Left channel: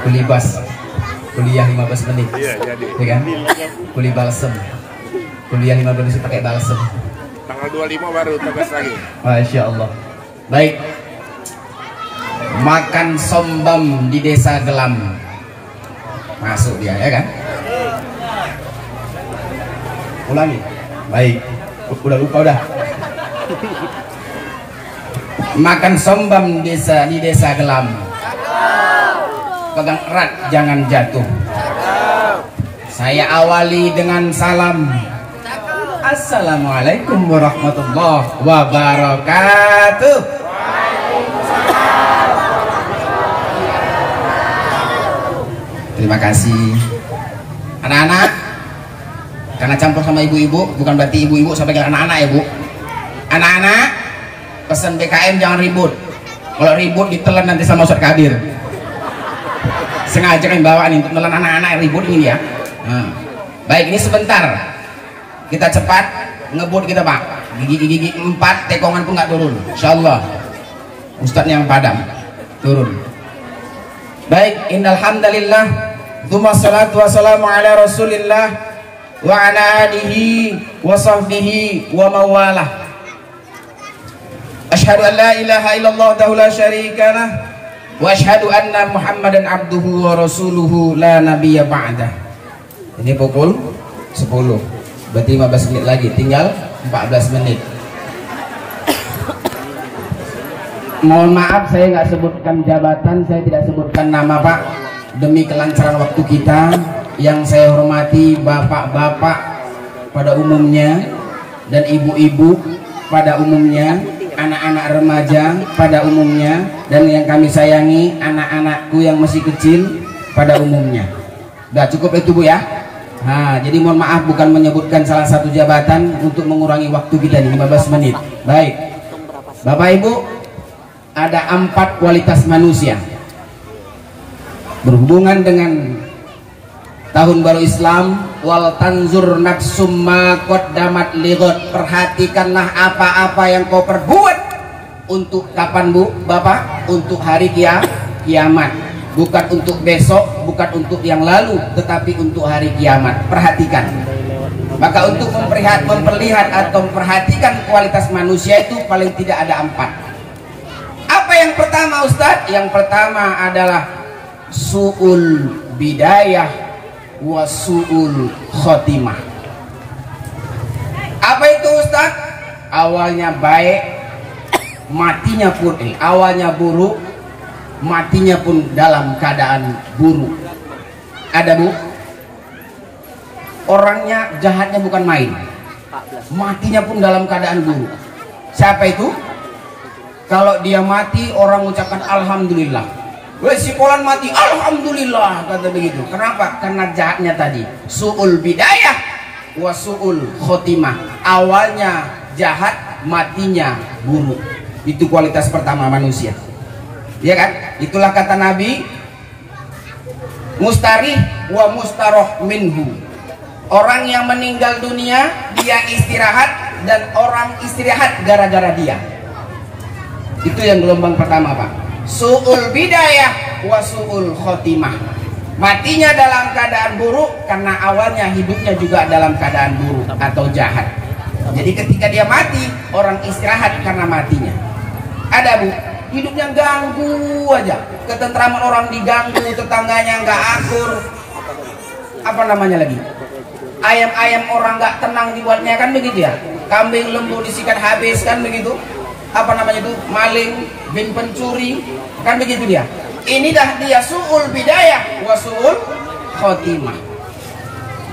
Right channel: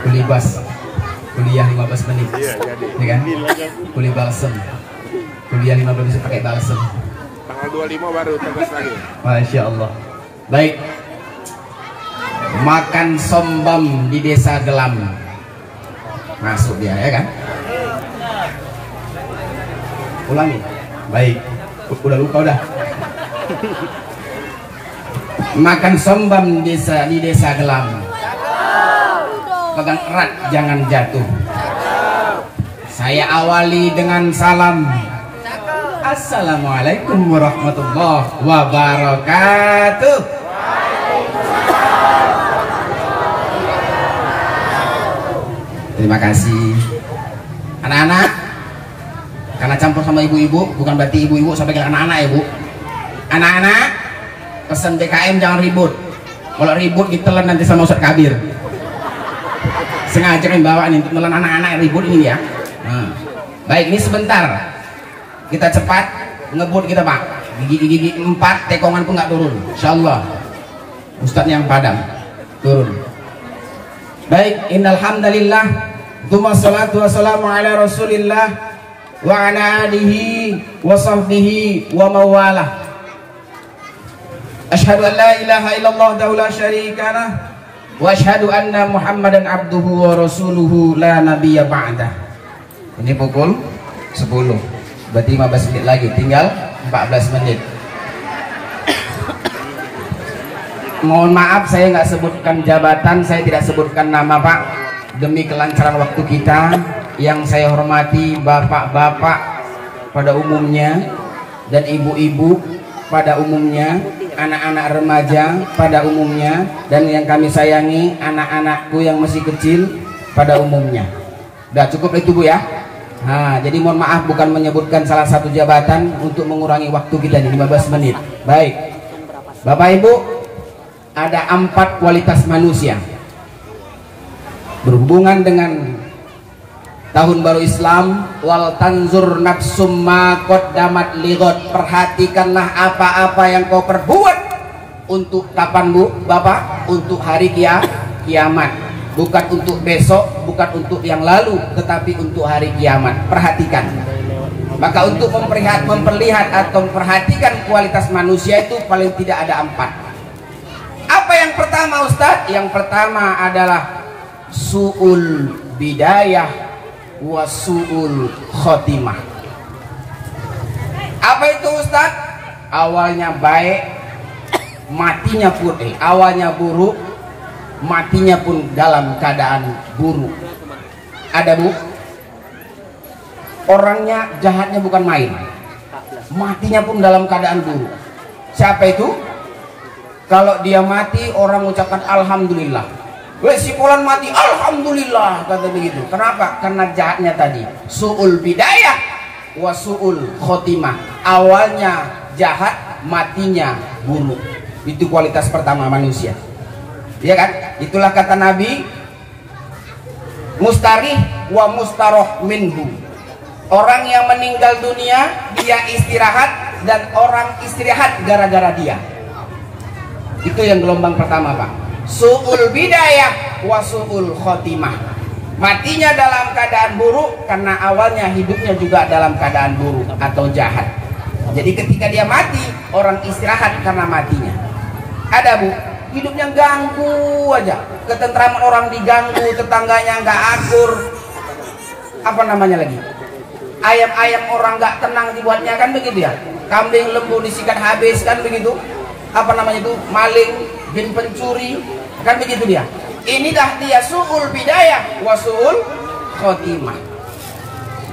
Kuli bas, kuliah 15 menit, Iya, jadi. ya kan? Kuli balsem, kuliah 15 menit pakai balsem. Tanggal 25 baru tugas lagi. Masya Allah. Baik. Makan sombam di desa Gelam. Masuk dia, ya kan? Ulangi. Baik. Udah lupa udah. Makan sombam di desa Gelam. Pegang erat, jangan jatuh. Saya awali dengan salam. Assalamualaikum warahmatullahi wabarakatuh. Terima kasih. Anak-anak, karena campur sama ibu-ibu, bukan berarti ibu-ibu sampai ke anak-anak ya Bu. Anak-anak, pesan BKM jangan ribut. Kalau ribut ditelan nanti sama Ustaz Kabir. Sengaja kan bawa nih untuk menelan anak-anak ribut ini ya. Baik, ini sebentar. Kita cepat ngebut kita Pak. Gigi 4 tekongan pun nggak turun. Insyaallah. Ustadznya yang padam turun. Baik, innal hamdalillah, tsumma sholatu wassalamu ala Rasulillah wa ala alihi wa sahbihi wa mawalah. Asyhadu an la ilaha illallah wahdahu la syarika lah wa asyhadu anna Muhammadan abduhu wa rasuluhu la nabiyya ba'dah. Ini pukul 10. Berarti 15 menit lagi, tinggal 14 menit. Mohon maaf saya nggak sebutkan jabatan, saya tidak sebutkan nama Pak, demi kelancaran waktu kita. Yang saya hormati bapak-bapak pada umumnya dan ibu-ibu pada umumnya, anak-anak remaja pada umumnya, dan yang kami sayangi anak-anakku yang masih kecil pada umumnya. Udah cukup itu Bu ya. Nah, jadi mohon maaf bukan menyebutkan salah satu jabatan untuk mengurangi waktu kita nih 15 menit. Baik. Bapak Ibu, ada 4 kualitas manusia berhubungan dengan tahun baru Islam. Wal tanzur nafsum ma qaddamat lighad. Perhatikanlah apa-apa yang kau perbuat untuk kapan Bu? Bapak, untuk hari kiamat. Bukan untuk besok, bukan untuk yang lalu, tetapi untuk hari kiamat. Perhatikan. Maka untuk memperlihat atau memperhatikan kualitas manusia itu paling tidak ada 4. Apa yang pertama Ustadz? Yang pertama adalah su'ul bidayah wa su'ul khotimah. Apa itu Ustadz? Awalnya baik, matinya pun awalnya buruk, matinya pun dalam keadaan buruk. Ada Bu? Orangnya jahatnya bukan main, matinya pun dalam keadaan buruk. Siapa itu? Kalau dia mati orang ucapkan alhamdulillah. Wes si Polan mati alhamdulillah, kata begitu. Kenapa? Karena jahatnya tadi su'ul bidayah wa su'ul khotimah. Awalnya jahat, matinya buruk. Itu kualitas pertama manusia. Ya kan? Itulah kata Nabi, mustarih wa mustaroh minhu. Orang yang meninggal dunia dia istirahat, dan orang istirahat gara-gara dia. Itu yang gelombang pertama Pak. Su'ul bidayah wa su'ul khotimah. Matinya dalam keadaan buruk karena awalnya hidupnya juga dalam keadaan buruk atau jahat. Jadi ketika dia mati, orang istirahat karena matinya. Ada Bu, hidupnya ganggu aja, ketentraman orang diganggu, tetangganya nggak akur, apa namanya lagi, ayam-ayam orang nggak tenang dibuatnya, kan begitu ya, kambing lembu disikat habis, kan begitu, apa namanya itu, maling bin pencuri, kan begitu dia. Ini dah dia su'ul bidayah wa su'ul khotimah.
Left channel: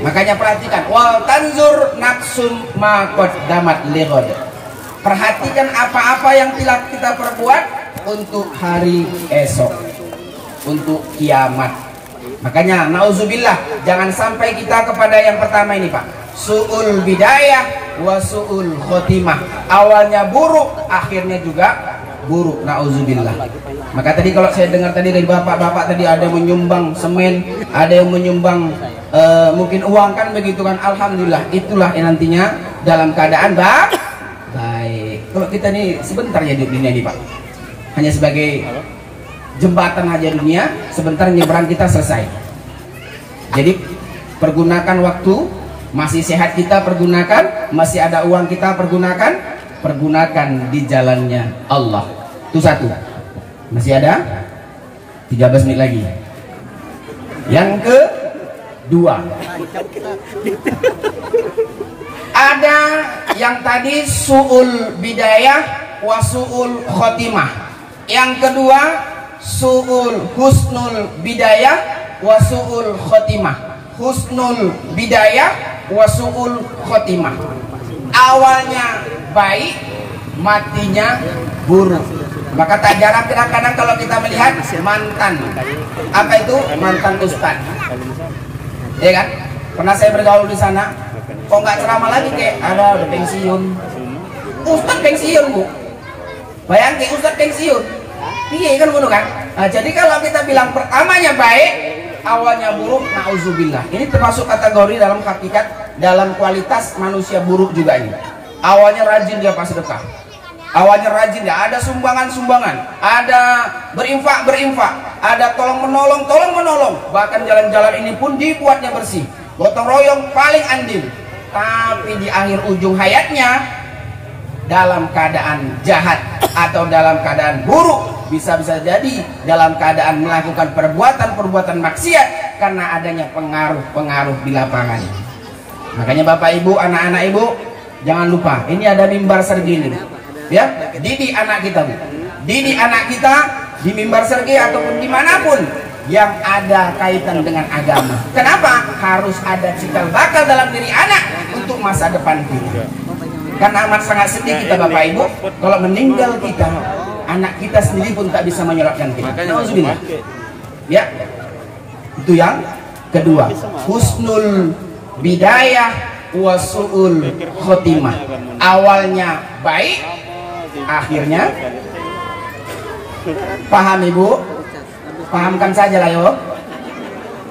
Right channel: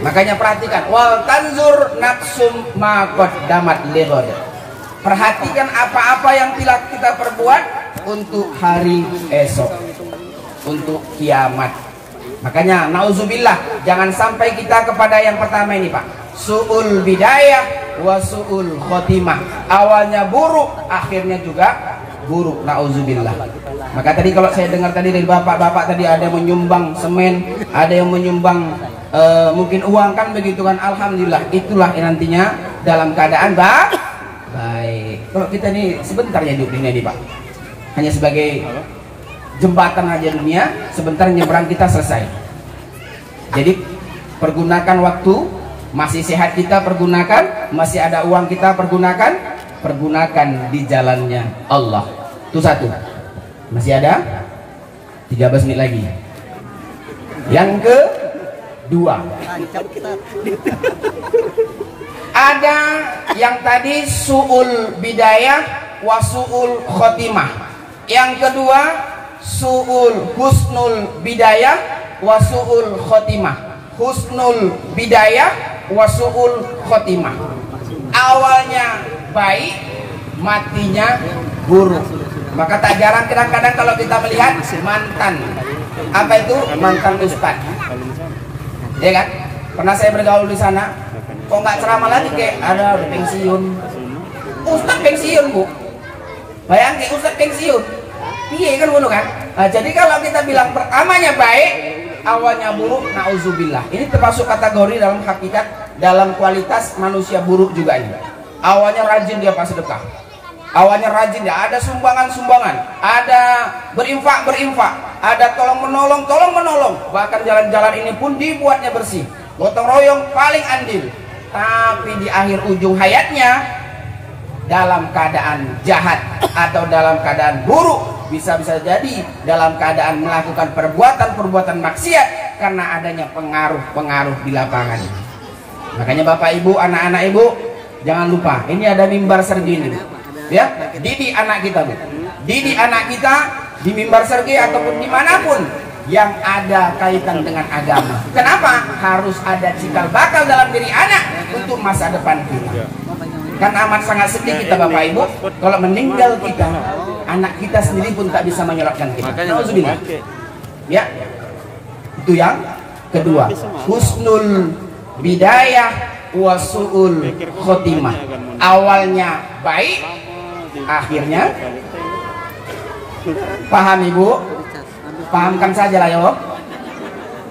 Makanya perhatikan, wal tanzur nafsum ma qaddamat lighad. Perhatikan apa-apa yang telah kita perbuat untuk hari esok, untuk kiamat. Makanya nauzubillah, jangan sampai kita kepada yang pertama ini Pak, su'ul bidayah wa su'ul khotimah. Awalnya buruk, akhirnya juga buruk, nauzubillah. Maka tadi kalau saya dengar tadi dari bapak-bapak tadi ada yang menyumbang semen, ada yang menyumbang mungkin uang, kan begitu kan. Alhamdulillah, itulah yang nantinya dalam keadaan baik. Kalau kita nih sebentar hidup dunia ini Pak, hanya sebagai jembatan aja dunia, sebentar nyebrang kita selesai. Jadi pergunakan waktu, masih sehat kita pergunakan, masih ada uang kita pergunakan di jalannya Allah. Itu satu. Masih ada 13 menit lagi. Yang kedua, ada yang tadi su'ul bidayah wa su'ul khotimah. Yang kedua su'ul husnul bidayah wa su'ul khotimah. Husnul bidayah wa su'ul khotimah. Awalnya baik, matinya buruk. Maka tak jarang kadang-kadang kalau kita melihat mantan, apa itu mantan ustaz, ya kan? Pernah saya bergaul di sana, kok nggak ceramah lagi, kayak ada udah pensiun. Ustaz pensiun, Bu. Bayangin ustaz pensiun. Iya kan bunuh kan? Nah, jadi kalau kita bilang pertamanya baik, awalnya buruk, nauzubillah. Ini termasuk kategori dalam hakikat, dalam kualitas manusia buruk juga ini. Awalnya rajin dia pasti dekah. Awalnya rajin dia, ada sumbangan-sumbangan, ada berinfak, ada tolong menolong. Bahkan jalan-jalan ini pun dibuatnya bersih. Gotong royong paling andil. Tapi di akhir ujung hayatnya dalam keadaan jahat atau dalam keadaan buruk. Bisa-bisa jadi dalam keadaan melakukan perbuatan maksiat karena adanya pengaruh di lapangan. Makanya Bapak Ibu, anak-anak Ibu, jangan lupa ini ada mimbar sergini, ya, didik anak kita, Bu. Didik anak kita di mimbar sergi ataupun dimanapun yang ada kaitan dengan agama. Kenapa? Harus ada cikal bakal dalam diri anak untuk masa depan kita. Karena amat sangat sedih kita Bapak Ibu kalau meninggal kita, anak kita sendiri pun tak bisa menyelamatkan kita. Ya, itu yang kedua. Husnul bidayah wa su'ul khotimah. Awalnya baik, akhirnya paham Ibu? Pahamkan saja lah yuk.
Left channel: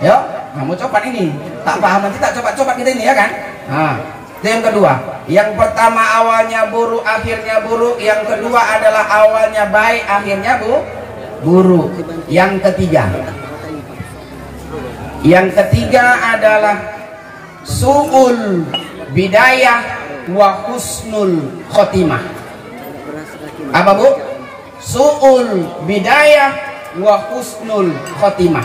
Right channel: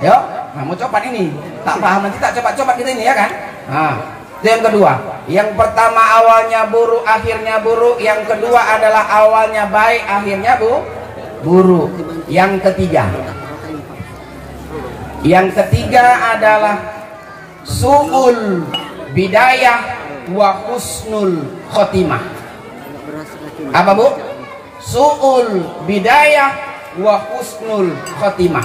Yuk, kamu coba ini. Tak paham nanti tak coba kita ini ya kan? Nah, itu yang kedua. Yang pertama awalnya buruk, akhirnya buruk. Yang kedua adalah awalnya baik, akhirnya buruk. Yang ketiga adalah su'ul bidayah wa husnul khotimah. Apa Bu? Su'ul bidayah wa husnul khotimah.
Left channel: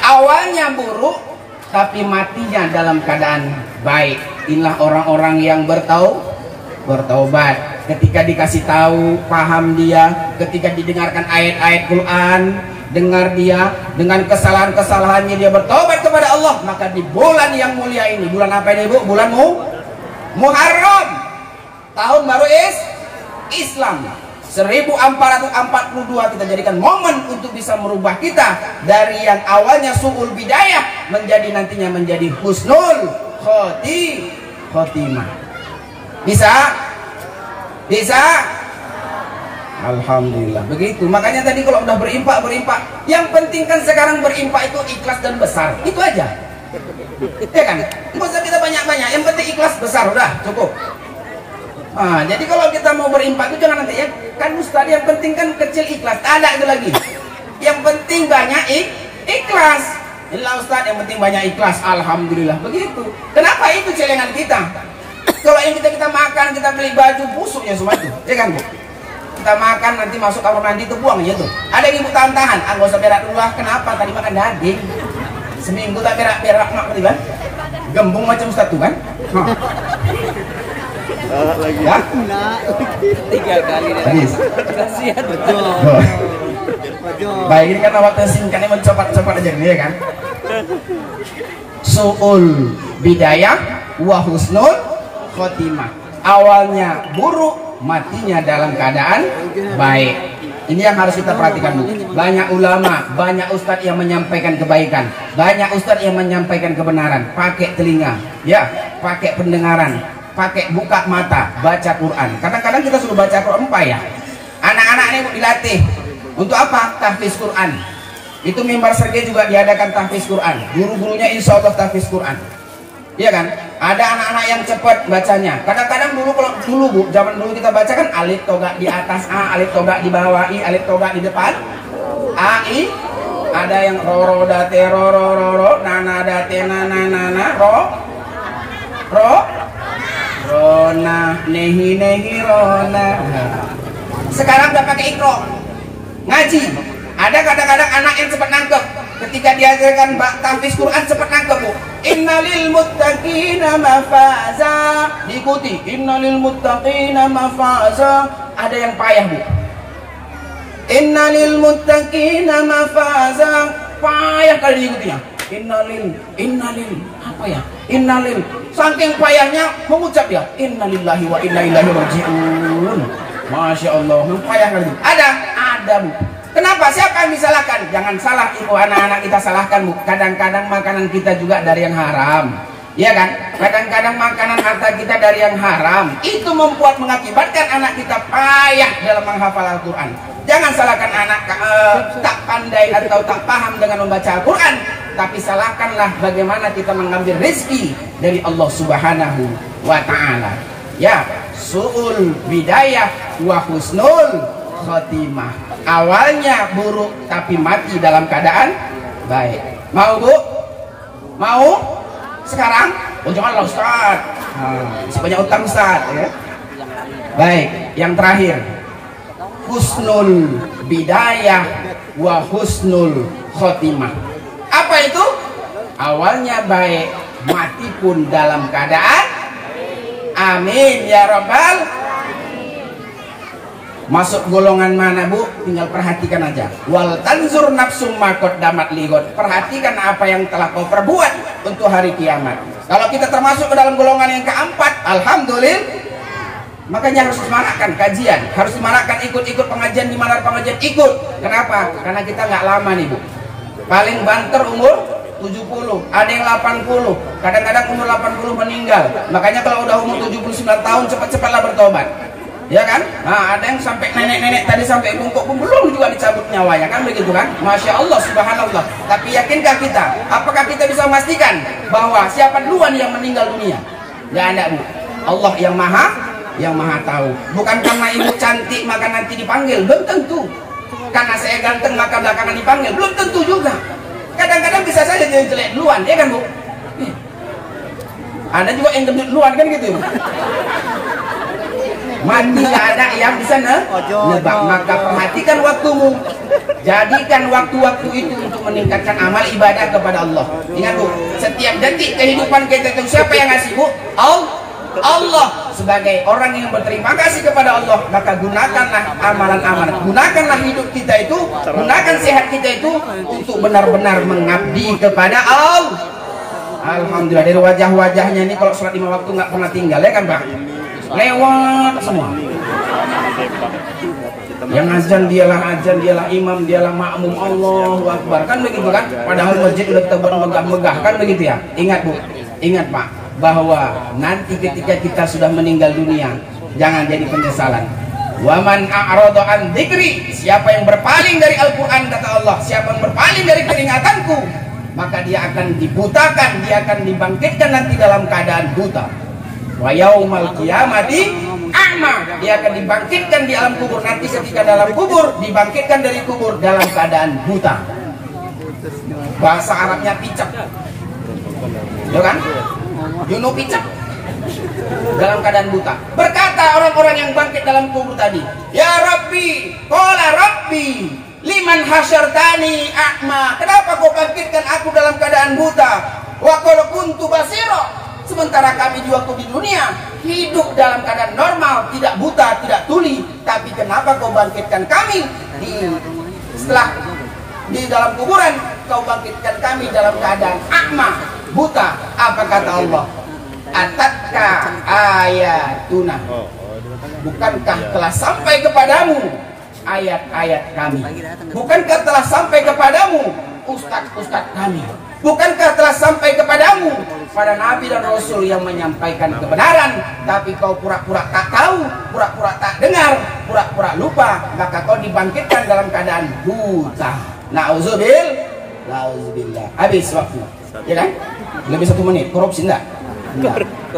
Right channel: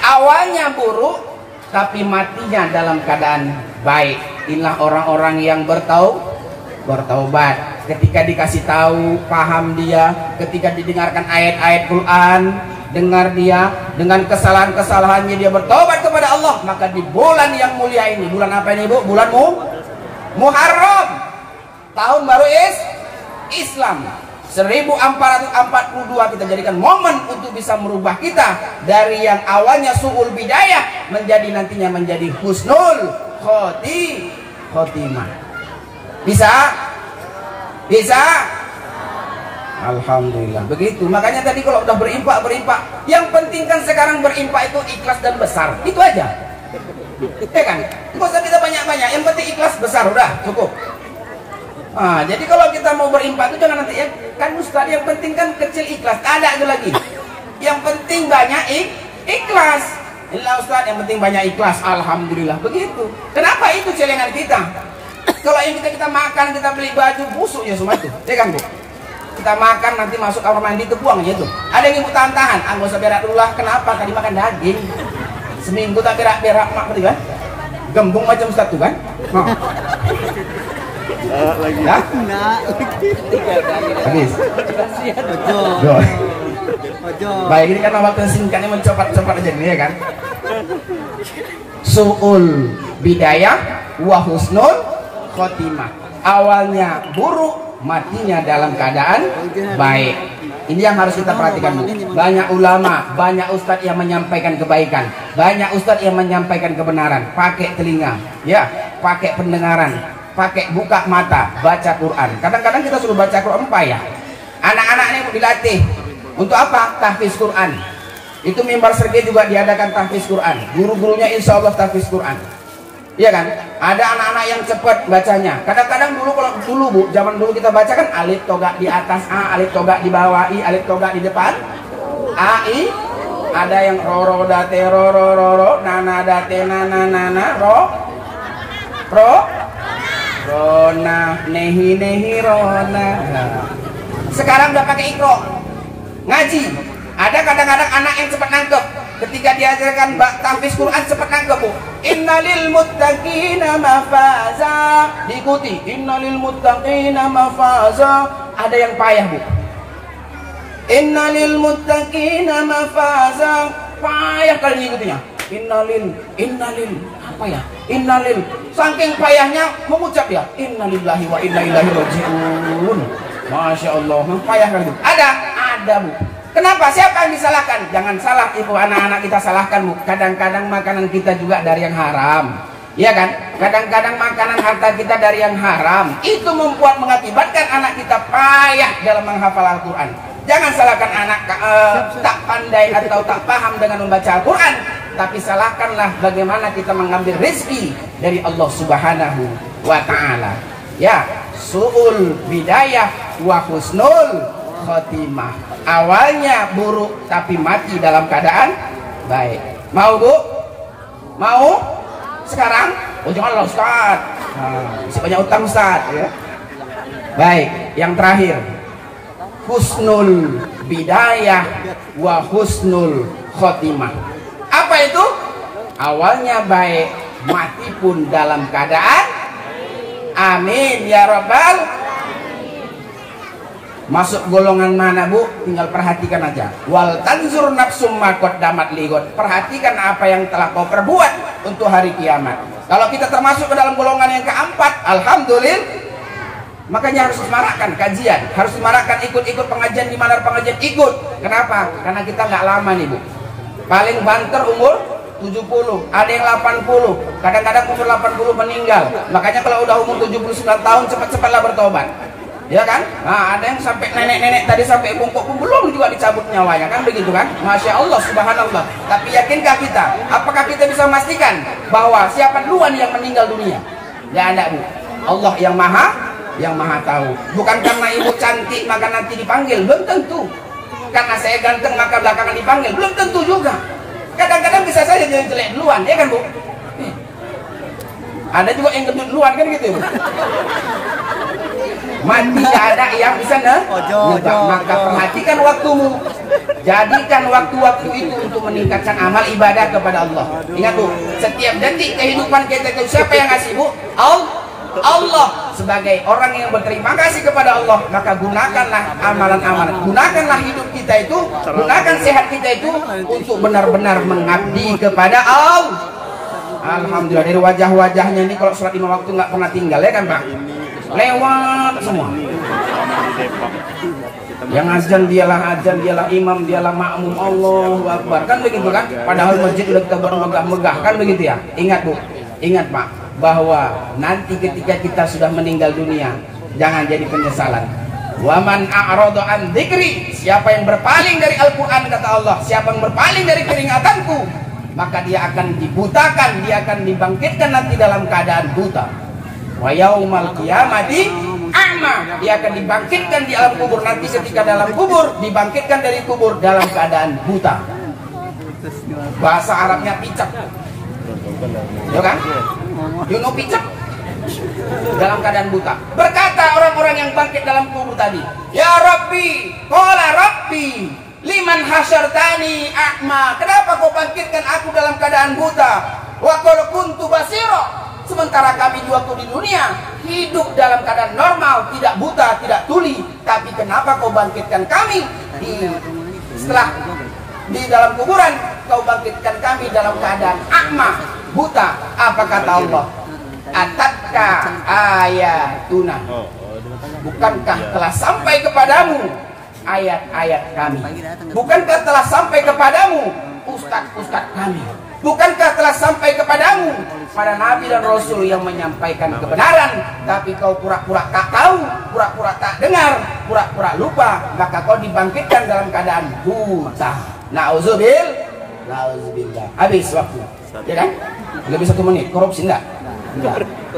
Awalnya buruk tapi matinya dalam keadaan baik. Inilah orang-orang yang bertaubat. Ketika dikasih tahu, paham dia. Ketika didengarkan ayat-ayat Quran, dengar dia. Dengan kesalahan-kesalahannya dia bertaubat kepada Allah. Maka di bulan yang mulia ini, bulan apa ini Bu? Bulan Muharram, tahun baru Islam 1442, kita jadikan momen untuk bisa merubah kita dari yang awalnya su'ul bidayah menjadi nantinya menjadi husnul khotimah. Bisa? Alhamdulillah. Begitu. Makanya tadi kalau udah berimpak, yang penting kan sekarang berimpak itu ikhlas dan besar. Itu aja. Ya kan? Nggak usah kita banyak-banyak. Yang penting ikhlas besar, udah cukup. Nah, jadi kalau kita mau berimpak itu jangan nanti ya. Kan Ustaz, yang penting kan kecil ikhlas. Ada itu lagi. Yang penting banyak ikhlas. Inilah Ustaz, yang penting banyak ikhlas. Alhamdulillah. Begitu. Kenapa itu celengan kita? Kalau yang kita makan, kita beli baju, busuk ya semua itu. Ya kan Bu? Kita makan nanti masuk kamar mandi itu buang aja tuh. Ada yang ibu tahan-tahan. Ah, nggak usah berak dulu lah. Kenapa? Tadi makan daging. Seminggu tak berak-berak mak kan? Gembung macam Ustaz tuh kan? Lagi. Ya? 3 kali. Habis. Baik, ini karena waktu singkatnya mencopat-copat aja nih ya kan. Su'ul bidayah wa husnul khotimah. Awalnya buruk, matinya dalam keadaan baik. Ini yang harus kita perhatikan Bu. Banyak ulama, banyak ustadz yang menyampaikan kebaikan, banyak ustadz yang menyampaikan kebenaran. Pakai telinga, ya, pakai pendengaran, pakai buka mata, baca Quran. Kadang-kadang kita suruh baca Quran ya. Anak-anak ini dilatih untuk apa? Tahfiz Quran. Itu mimbar sergi juga diadakan tahfiz Quran. Guru-gurunya insya Allah tahfiz Quran. Iya kan? Ada anak-anak yang cepat bacanya. Kadang-kadang dulu kalau dulu Bu, zaman dulu kita baca kan alif toga di atas A, alif toga di bawah I, alif toga di depan A, I. Ada yang ro da te ro nana da te nana ro rona nehi rona. Sekarang udah pakai ikro ngaji. Ada kadang-kadang anak yang cepat nangkep. Ketika diajarkan tahfiz Quran cepat nangkep Bu. Innalil muttaqina mafaza. Diikuti. Innalil muttaqina mafaza. Ada yang payah Bu. Innalil muttaqina mafaza. Payah kali diikutinya. Innalil apa ya? Innalil. Saking payahnya mengucap ya. Innalillahi wa inna ilaihi rajiun. Masya Allah. Payah kali. Ada Bu. Kenapa? Siapa yang disalahkan? Jangan salah ibu, anak-anak kita salahkan Bu. Kadang-kadang makanan kita juga dari yang haram. Iya kan? Kadang-kadang makanan harta kita dari yang haram. Itu mengakibatkan anak kita payah dalam menghafal Al-Quran. Jangan salahkan anak tak pandai atau tak paham dengan membaca Al-Quran. Tapi salahkanlah bagaimana kita mengambil rezeki dari Allah Subhanahu wa Ta'ala. Ya, su'ul bidayah wa husnul khotimah. Awalnya buruk tapi mati dalam keadaan baik. Mau Bu? Mau? Sekarang? Oh janganlah Ustaz. Sebanyak utang Ustaz ya. Baik, yang terakhir. Husnul bidayah wa husnul khotimah. Apa itu? Awalnya baik, mati pun dalam keadaan amin ya rabbal. Masuk golongan mana Bu? Tinggal perhatikan aja. Wal tanzur nafsum ma qaddamat ligot. Perhatikan apa yang telah kau perbuat untuk hari kiamat. Kalau kita termasuk ke dalam golongan yang keempat, alhamdulillah. Makanya harus dimarakkan kajian, harus dimarakkan ikut-ikut pengajian di mana pengajian ikut. Kenapa? Karena kita nggak lama nih Bu. Paling banter umur 70, ada yang 80. Kadang-kadang umur 80 meninggal. Makanya kalau udah umur 79 tahun cepat-cepatlah bertobat. Ya kan? Nah, ada yang sampai nenek-nenek tadi sampai bungkuk pun belum juga dicabut nyawanya kan begitu kan? Masya Allah, subhanallah. Tapi yakinkah kita? Apakah kita bisa memastikan bahwa siapa duluan yang meninggal dunia? Ya ada Bu. Allah yang maha tahu. Bukan karena ibu cantik maka nanti dipanggil, belum tentu. Karena saya ganteng maka belakangan dipanggil, belum tentu juga. Kadang-kadang bisa saja dia jelek duluan, ya kan Bu? Ada juga yang gendut duluan kan gitu. Mati gak ada yang bisa nebak. Maka perhatikan waktumu. Jadikan waktu-waktu itu untuk meningkatkan amal ibadah kepada Allah. Ingat Bu, setiap detik kehidupan kita itu siapa yang ngasih Bu? Allah. Sebagai orang yang berterima kasih kepada Allah, maka gunakanlah amalan-amalan, gunakanlah hidup kita itu, gunakan sehat kita itu untuk benar-benar mengabdi kepada Allah. Alhamdulillah, dari wajah-wajahnya ini kalau sholat 5 waktu nggak pernah tinggal ya kan Pak? Lewat semua. Yang azan dialah imam, dialah makmum, Allahu Akbar kan begitu kan? Padahal masjid udah kita megah-megah kan begitu ya? Ingat Bu, ingat Pak, bahwa nanti ketika kita sudah meninggal dunia jangan jadi penyesalan. Waman a'rada an dzikri, siapa yang berpaling dari Al-Qur'an kata Allah, siapa yang berpaling dari peringatanku, maka dia akan dibutakan, dia akan dibangkitkan nanti dalam keadaan buta. Wa yaumal qiyamati a'ma, dia akan dibangkitkan di alam kubur nanti ketika dalam kubur, dibangkitkan dari kubur dalam keadaan buta. Bahasa Arabnya picak. Ya kan? Yuno picak dalam keadaan buta. Berkata orang-orang yang bangkit dalam kubur tadi, ya Rabbi, qala Rabbi, liman hasyartani a'ma, kenapa kau bangkitkan aku dalam keadaan buta? Wa qad kuntu basira, sementara kami di waktu di dunia hidup dalam keadaan normal, tidak buta, tidak tuli. Tapi kenapa kau bangkitkan kami setelah di dalam kuburan, kau bangkitkan kami dalam keadaan a'ma, buta? Apa kata Allah? Atatka ayatuna, bukankah telah sampai kepadamu ayat-ayat kami? Bukankah telah sampai kepadamu ustaz-ustaz kami? Bukankah telah sampai kepadamu para nabi dan rasul yang menyampaikan kebenaran? Tapi kau pura-pura tak tahu, pura-pura tak dengar, pura-pura lupa, maka kau dibangkitkan dalam keadaan buta. Nauzubillah. Habis waktu, ya kan? Lebih 1 menit, korupsi enggak? Enggak.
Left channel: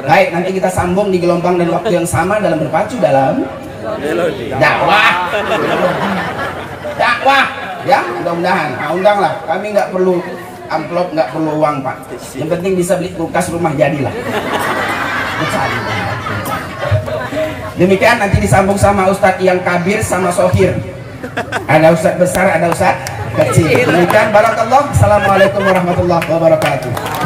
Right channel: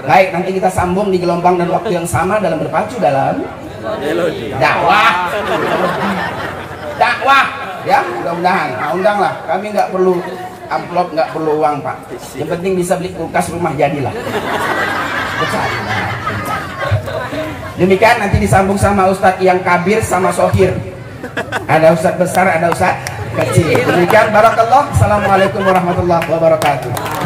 Baik, nanti kita sambung di gelombang dan waktu yang sama dalam berpacu dalam dakwah. Dakwah, ya mudah-mudahan. Nah, undanglah. Kami nggak perlu amplop, nggak perlu uang Pak. Yang penting bisa beli kulkas rumah jadilah. Demikian nanti disambung sama Ustadz yang kabir sama sohir. Ada Ustadz besar, ada Ustadz kecil. Demikian barakallah. Assalamualaikum warahmatullahi wabarakatuh.